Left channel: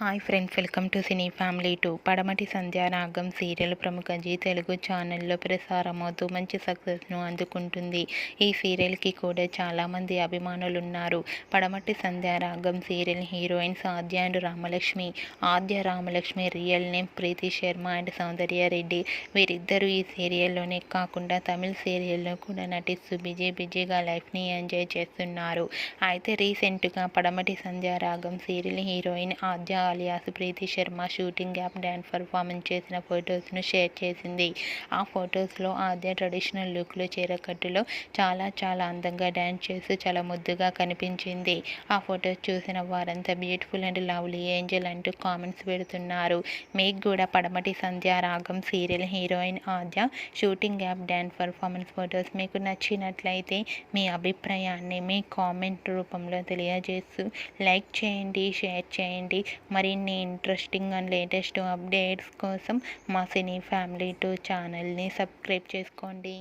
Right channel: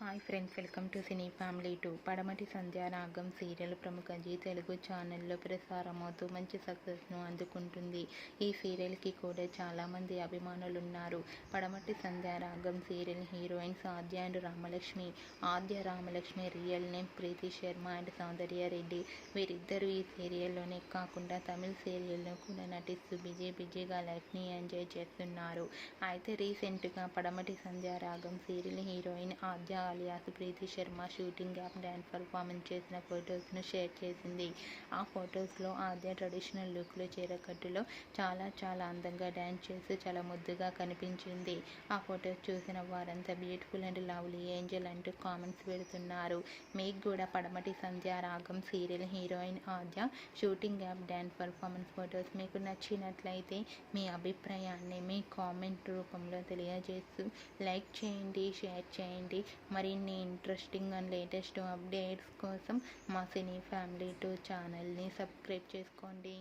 Hi friends, welcome to cine family 2. పడమటి Sandhyaragam serial ప్రముఖ G Telugu ఛానల్లో ప్రసారమవుతూ మంచి సక్సెస్ను అందుకుంటుంది. ఈ సీరియల్కి కూడా చాలామంది అభిమానులు ఉన్నారు. Padamati Sandhyaragam serial heroines Aadya and Ramalakshmi. Aadya Ramalakshmi real name Preeti Sharma and Soundarya Reddy. వీరిద్దరూ ఈ సీరియల్లోనే కాకుండా తమిళ సీరియల్లో కూడా నటిస్తూ బిజీగా లైఫ్ని ఎంజాయ్ చేస్తున్నారు. అయితే రీసెంట్గా Padamati Sandhyaragam serial heroine Aadya alias Preeti Sharma shooting app dance performance చేసిన ఫొటోస్ను షేర్ చేసింది. ఆ ఫొటోస్లో ఆద్య ట్రెడిషనల్ లుక్లో చీరకట్టులో చాలా అందంగా డ్యాన్స్ చేస్తూ చాలా ముద్దుగా కనిపించింది. ఆ ఫొటోస్ చూసిన వారంతా బ్యూటిఫుల్ అండ్ లవ్లీ ఏంజల్ అంటూ కామెంట్స్ పెడుతున్నారు. మీకు కూడా Padamati Sandhyaragam serial heroine Aadya shooting app dance performance photos మీకు నచ్చినట్లయితే మీ అభిప్రాయాన్ని మీ కామెంట్ రూపంలో తెలియజేస్తూ లైక్ చేయండి, షేర్ చేయండి. మరిన్ని ఇంట్రెస్టింగ్ అండ్ లేటెస్ట్ అప్డేట్స్ కోసం మా సినీ ఫ్యామిలీ 2 ఛానల్ని సబ్స్క్రైబ్ చేసుకోండి.